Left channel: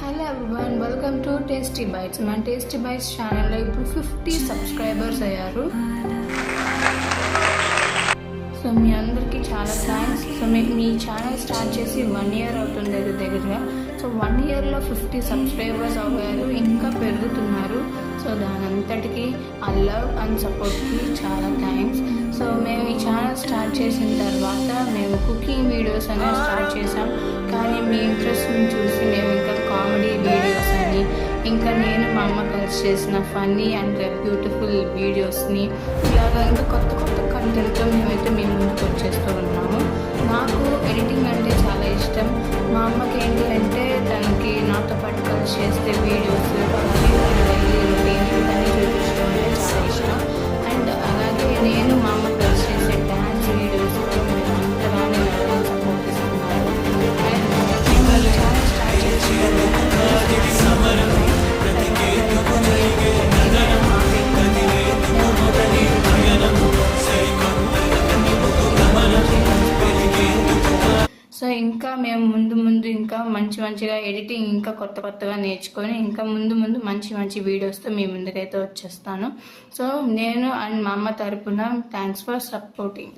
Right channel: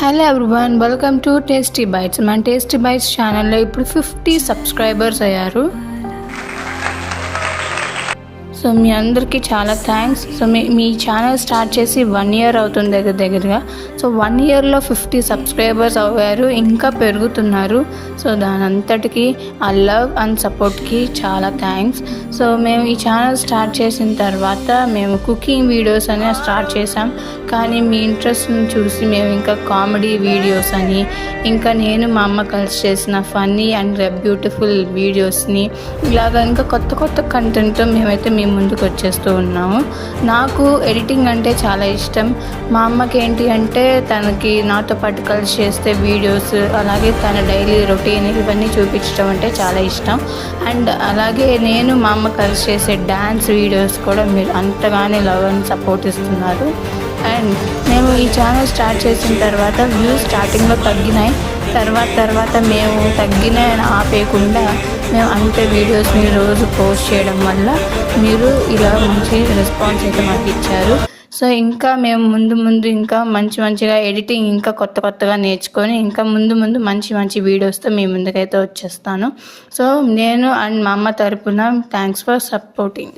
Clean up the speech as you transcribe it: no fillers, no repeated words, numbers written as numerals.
Hello everyone, welcome to tasty bites. మన tasty bites ఛానల్లో ఇప్పుడు 50 సబ్స్క్రైబర్స్ అయ్యారు. సో మీ అందరికీ చాలా థ్యాంక్స్. సో మీ ఛానల్ స్టార్ట్ చేసి 1 ఇయర్ అవుతుంది దగ్గరగా. సో 1 ఇయర్లో 50 సబ్స్క్రైబర్స్ అవ్వారు, ఇంకా పెరుగుతున్నారు. సో దాని అంతటికి ఆ లవ్ అండ్ సపోర్ట్కి చాలా థ్యాంక్స్. సో మేము ఈ ఛానల్ స్టార్ట్ చేసిన తర్వాత మేము కుకింగ్ వీడియోస్ అనే స్టార్ట్ చేసాం. కానీ మీ ఇంట్రెస్ట్ని చూసి మేము ఇంకా కామెడీ వీడియోస్ అని, ఇంకా నేను మా అమ్మ కలిసి చేసిన ఫన్నీ అండ్ బ్యూటిఫుల్ వీడియోస్ని, ఇలాగా ఇంకా కొత్త కొత్త కంటెంట్తో మేమైతే మీ ముందుకు వచ్చేస్తూ ఉన్నాము. నాకు ఎడిటింగ్ అంటే చాలా ఇష్టం. మా అమ్మకి ఏంటి అంటే తనకి నాతో పాటు కలిసి చేస్తే వీడియోస్, అలాగే తన డైలీ రొటీన్ ఇవన్నీ చూపించడం అంటే చాలా ఇష్టం. అండ్ అలాగే నేను మా అమ్మ కలిసి చేసే డ్యాన్స్ వీడియోస్ కూడా మీరు అంతగానే లవ్ అండ్ సపోర్ట్ ఇస్తున్నారు. అండ్ మేము ఈ ఛానల్ స్టార్ట్ చేసిన తర్వాత వ్యూస్ స్టార్టింగ్లో తగ్గినాయి. తర్వాత మేము తగ్గిన ఆపేయకుండా మేము అంతే వీడియోస్ని రోజు పోస్ట్ చేయడం వల్ల మీరు ఇలా మంచి రెస్పాన్స్ అయితే మాకు ఇచ్చారు. సో ఇంకా మేము ముందు ఇంకా మంచిగా ఎడిటింగ్ ఇంకా కొత్తగా నేర్చుకొని ఇంకా ముందు మంచి వీడియోస్తో మీ ముందుకైతే వచ్చేస్తాను. సో నేను అండ్ మా అమ్మ తరపున థ్యాంక్స్ ఫర్ సపోర్టింగ్.